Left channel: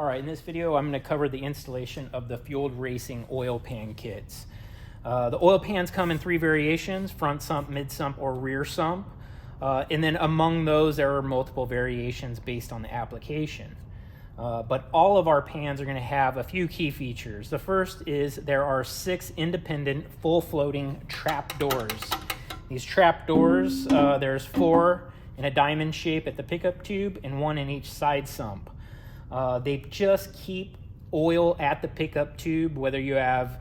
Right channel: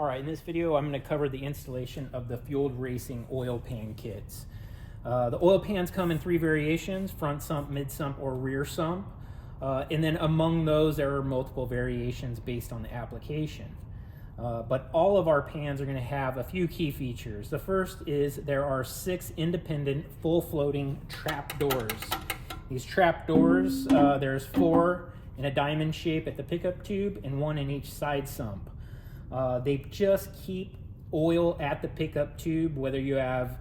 All right, in this video, I'm going to cover the installation of the fueled racing oil pan kits. The oil pans come in three variations: front sump, mid sump, or rear sump. And then among those, there are multiple variations based on the application. But all of our pans are going to have a few key features. The first is there are 6 independent full floating trap doors. These trap doors, there's 4 in a diamond shape at the pickup tube and 1 in each side sump. They just keep oil at the pickup tube, whether you have,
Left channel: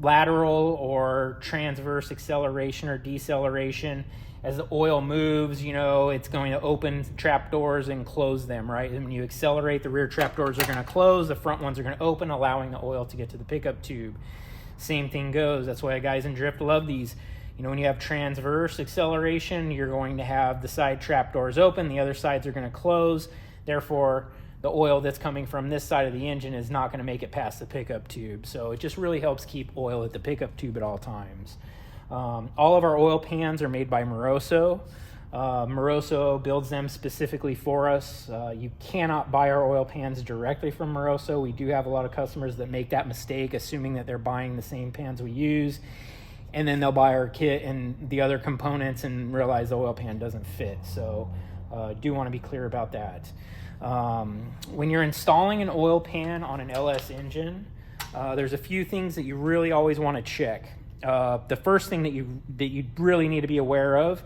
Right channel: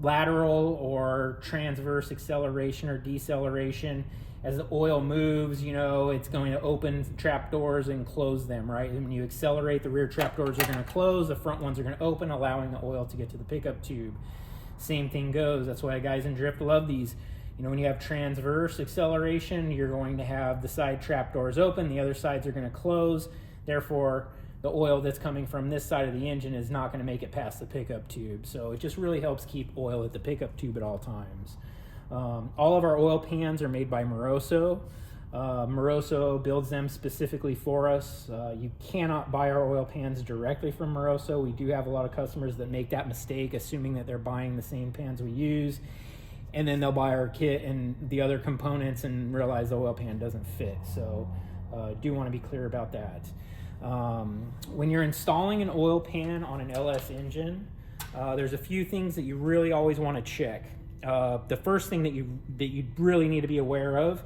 lateral or transverse acceleration or deceleration. As the oil moves, it's going to open trap doors and close them, right? And when you accelerate, the rear trap doors are going to close, the front ones are going to open, allowing the oil to get to the pickup tube. Same thing goes. That's why guys in drift love these. When you have transverse acceleration, you're going to have the side trap doors open, the other sides are going to close. Therefore, the oil that's coming from this side of the engine is not going to make it past the pickup tube. So it just really helps keep oil at the pickup tube at all times. All of our oil pans are made by Moroso. Moroso builds them specifically for us. You cannot buy our oil pans directly from Moroso. We do have a lot of customers that make that mistake, assuming that they're buying the same pans we use, and then they'll buy our kit and the other components and realize the oil pan doesn't fit. So do want to be clear about that. When you're installing an oil pan on an LS engine, there's a few things that you really always want to check. The first thing that you really need to be aware of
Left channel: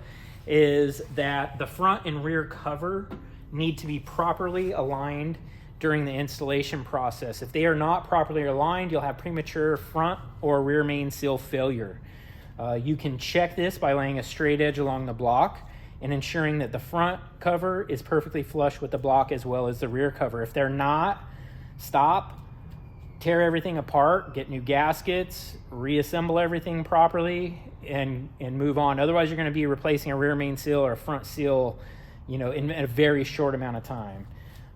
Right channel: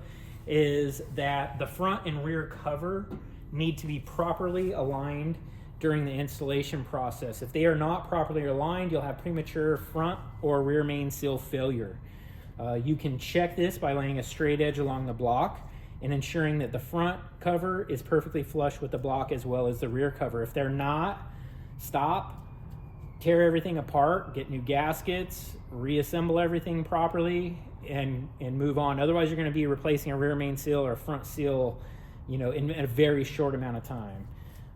is that the front and rear cover need to be properly aligned during the installation process. If they are not properly aligned, you'll have premature front or rear main seal failure. You can check this by laying a straight edge along the block and ensuring that the front cover is perfectly flush with the block as well as the rear cover. If they're not, stop, tear everything apart, get new gaskets, reassemble everything properly, and move on. Otherwise, you're going to be replacing a rear main seal or a front seal, in a very short amount of time.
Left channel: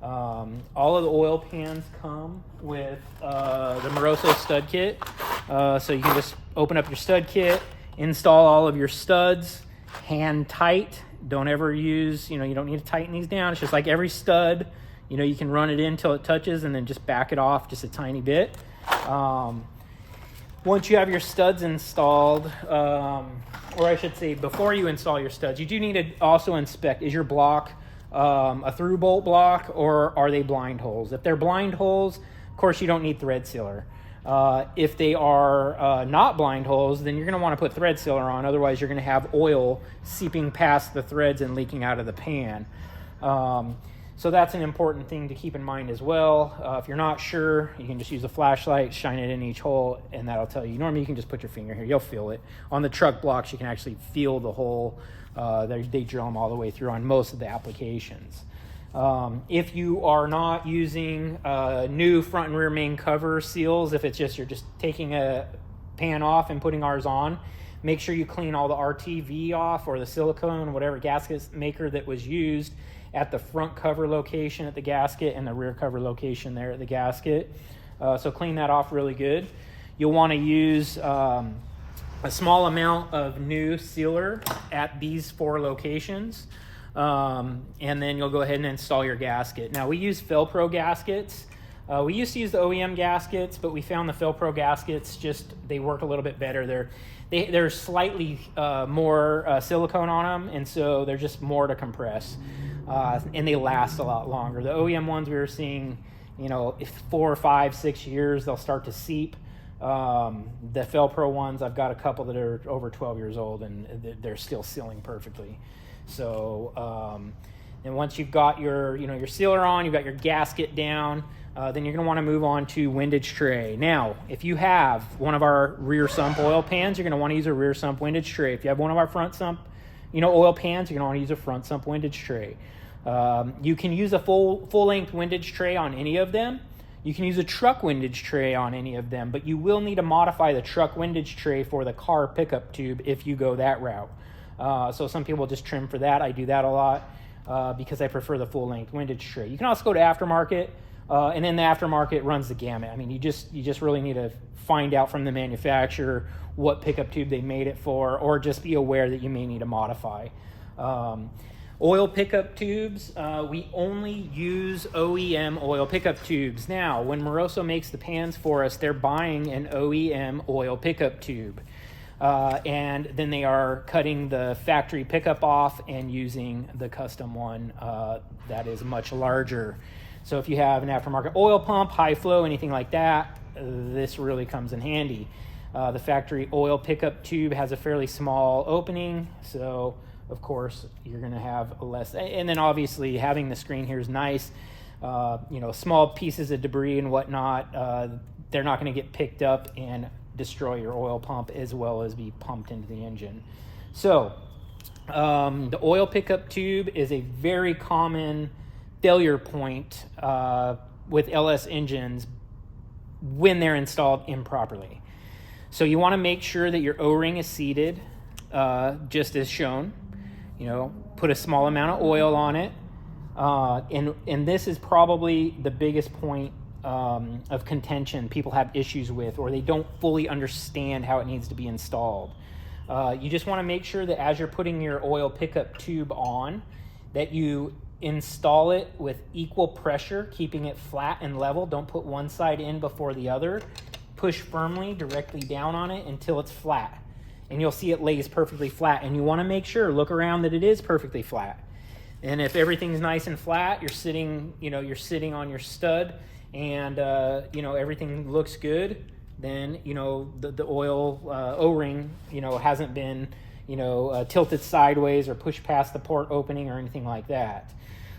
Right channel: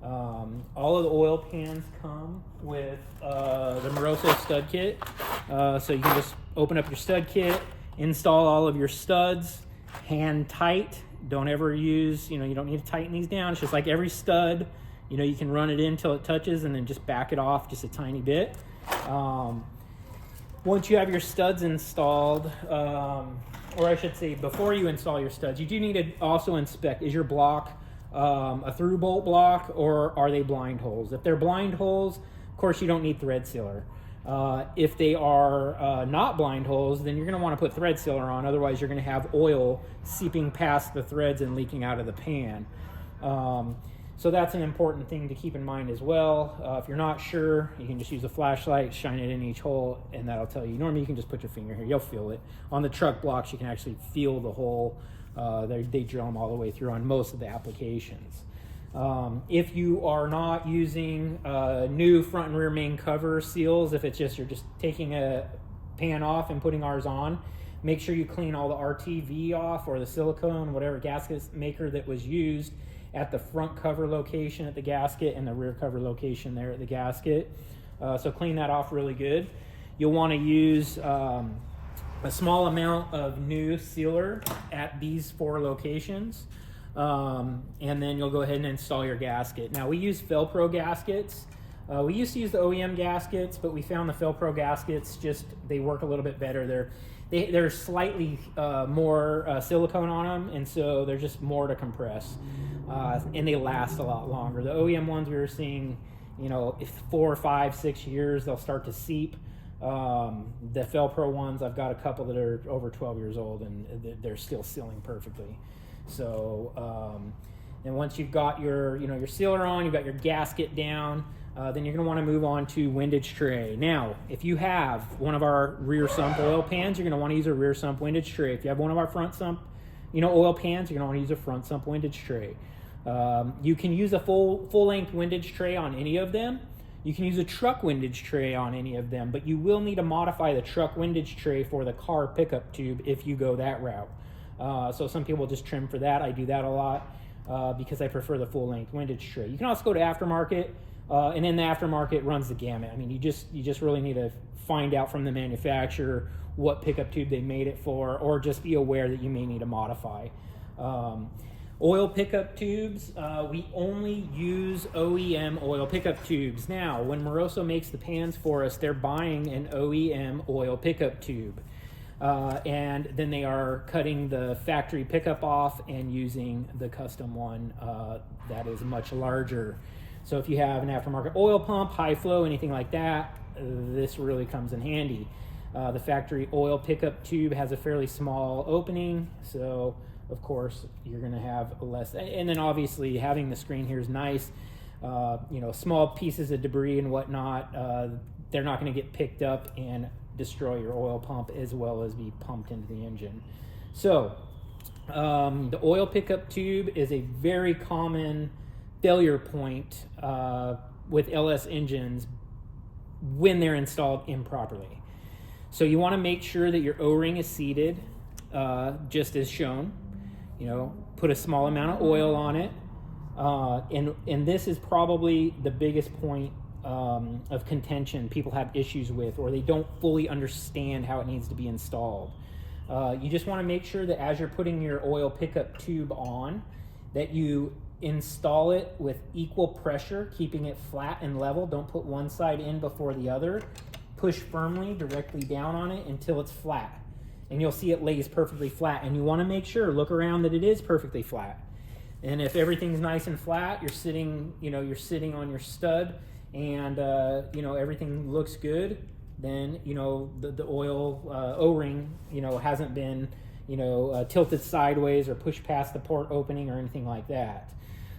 All of the oil pans come with the Moroso stud kit. So you can just open up your stud kit, install all of your studs, hand tight. Don't ever use, you don't need to tighten these down. It's just like every stud. You can run it in until it touches and then just back it off just a tiny bit. Once you have your studs installed, or I should say before you install your studs, you do need to also inspect, is your block a through bolt block or are they blind holes? If they're blind holes, of course you don't need thread sealer. If they are not blind holes, then you're going to want to put thread sealer on. Otherwise, you're going to have oil seeping past the threads and leaking out of the pan. So that's an important thing to keep in mind as well. If you're not sure, you can just use a flashlight, shine it in each hole, and that'll tell you. Normally, you can just put your finger here. You'll feel it. On the truck blocks, you can actually feel the hole. They drill them all the way through on most of the applications. If you are not using new front and rear main cover seals, if it's just you're just taking a pan off and putting ours on, make sure you clean all the RTV off or the silicone, whatever gasket maker that was used at the front cover location at the gasket and the rear cover location there at the gasket. So clean that off really good. You'll want to use a small amount of new sealer at these 4 locations. And then you'll go ahead and install your gasket. Now we use Felpro gaskets. We used to use the OEM gaskets, but we found the Felpro gaskets they work a little bit better. They're slightly more silicone on them, and so they're just more to compress, and they last a lot longer. The OEM ones we were seeing, if 4, 5, 6 years, they'll start to seep. The Felpro ones, I've got a couple that are over 12 years old, and they're still sealing perfectly. So, and once you've got your sealer on, you've got your gasket down, then you're going to want to move on to windage tray. Now, if you have one of our rear sump oil pans, you're going to want to use a rear sump windage tray. If you have one of our front sump, oil pans, you're going to want to use a front sump windage tray. You can use a full-length windage tray on any of them. You can use a truck windage tray on any of them, but you will need to modify the truck windage tray for the car pickup tube if you go that route. So some people just trim for that. I do that a lot because I prefer the full-length windage tray. You can also go to aftermarket, and then the aftermarket runs the gamut. I mean, you just really need to find out from the manufacturer what pickup tube they made it for, or just be aware that you may need to modify. Oil pickup tubes, we only use OEM oil pickup tubes. Now, when Moroso makes the pans for us, they're buying an OEM oil pickup tube. And then they are cutting the factory pickup off and using the custom one that is much larger. So if you have an aftermarket oil pump, high flow, anything like that, this really comes in handy. The factory oil pickup tube has a fairly small opening, so of course you're going to have less. And then obviously having the screen here is nice. Small pieces of debris and whatnot, they're not going to get picked up and destroy your oil pump as well as be pumped into the engine. So the oil pickup tube is a very common failure point with LS engines when they're installed improperly. So you want to make sure that your O-ring is seated just as shown. Put a small amount of oil on it, and this is probably the biggest point of contention people have issues with, or they don't fully understand how it needs to be installed. You just want to make sure that as you're putting your oil pickup tube on, that you install it with equal pressure, keeping it flat and level. Don't put one side in before the other. Push firmly directly down on it until it's flat, and you'll see it lays perfectly flat. And you want to make sure, look around, that it is perfectly flat. And if everything's nice and flat, you're sitting on your stud, and everything looks good, then the oil O-ring hasn't been tilted sideways or pushed past the port opening or anything like that.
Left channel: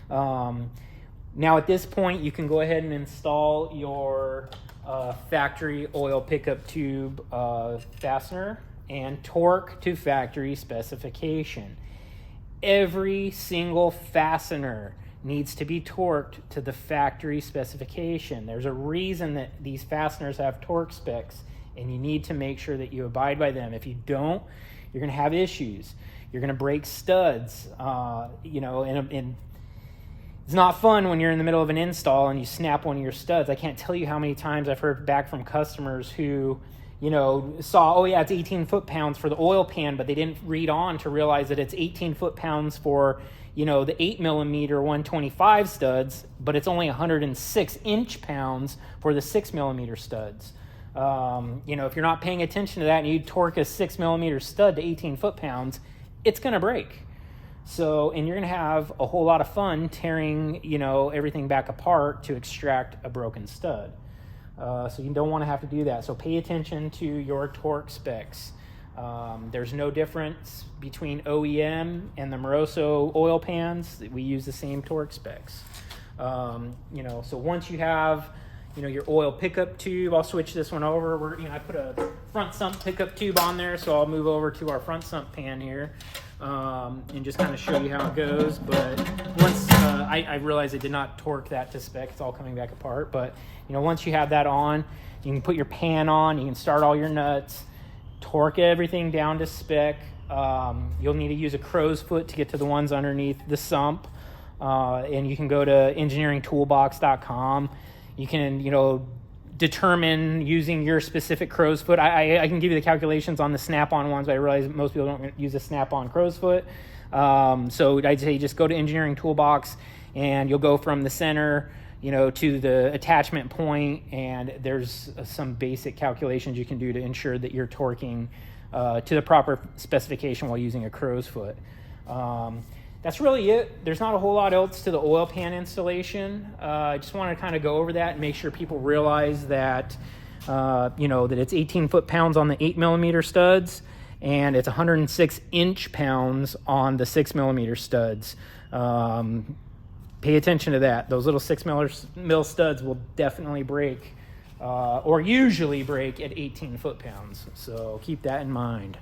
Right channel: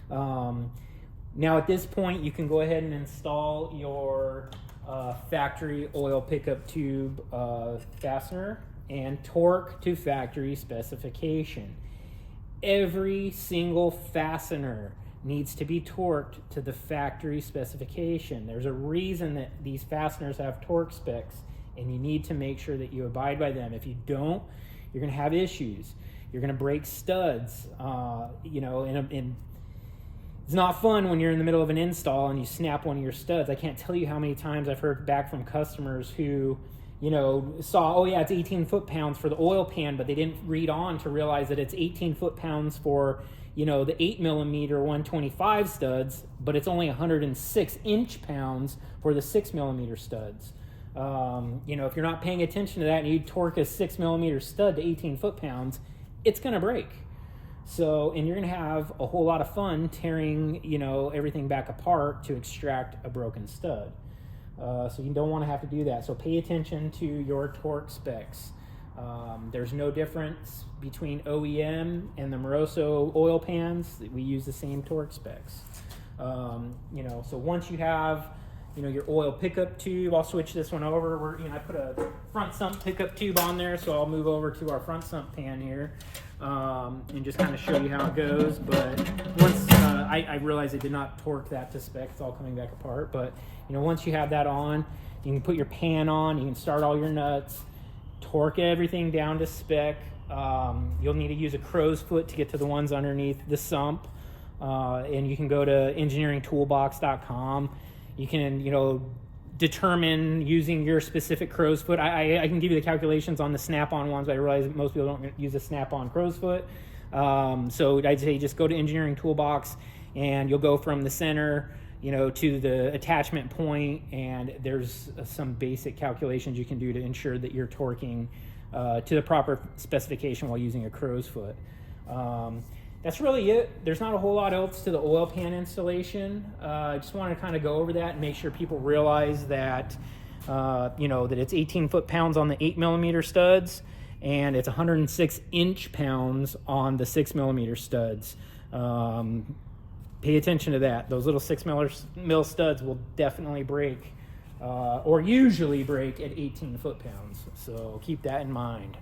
Now at this point, you can go ahead and install your factory oil pickup tube fastener and torque to factory specification. Every single fastener needs to be torqued to the factory specification. There's a reason that these fasteners have torque specs, and you need to make sure that you abide by them. If you don't, you're going to have issues. You're going to break studs, and it's not fun when you're in the middle of an install and you snap one of your studs. I can't tell you how many times I've heard back from customers who saw, oh yeah, it's 18 foot-pounds for the oil pan, but they didn't read on to realize that it's 18 foot-pounds for, the 8mm 125 studs, but it's only 106 inch-pounds for the 6mm studs. If you're not paying attention to that and you torque a 6mm stud to 18 foot-pounds, it's going to break. So, and you're going to have a whole lot of fun tearing, everything back apart to extract a broken stud. So you don't want to have to do that. So pay attention to your torque specs. There's no difference between OEM and the Moroso oil pans. We use the same torque specs. So once you have, your oil pickup tube, I'll switch this one over. I put a front sump pickup tube on there, so I'll move over to our front sump pan here and just kind of show you how it goes. But once I realized I did not torque that to spec, it's all coming back apart. But once you have that on, you can put your pan on, you can start all your nuts, torque everything down to spec. You'll need to use a crow's foot to get to the ones underneath the sump, and you can go to engineeringtoolbox.com. You can, determine using your specific crow's foot. I can give you the calculations on the snap-on ones, but I realize most people don't use a snap-on crow's foot. So I'd say just go to Engineering Toolbox, and you'll go from the center, to the attachment point, and there's some basic calculations you can do to ensure that you're torquing to the proper specification while using a crow's foot. That's really it. There's not a whole lot else to the oil pan installation. I just want to kind of go over that and make sure people realize that, that it's 18 foot-pounds on the 8mm studs, and it's 106 inch-pounds on the 6mm studs. Pay attention to that. Those little 6mm studs will definitely break, or usually break at 18 foot-pounds. So keep that in mind.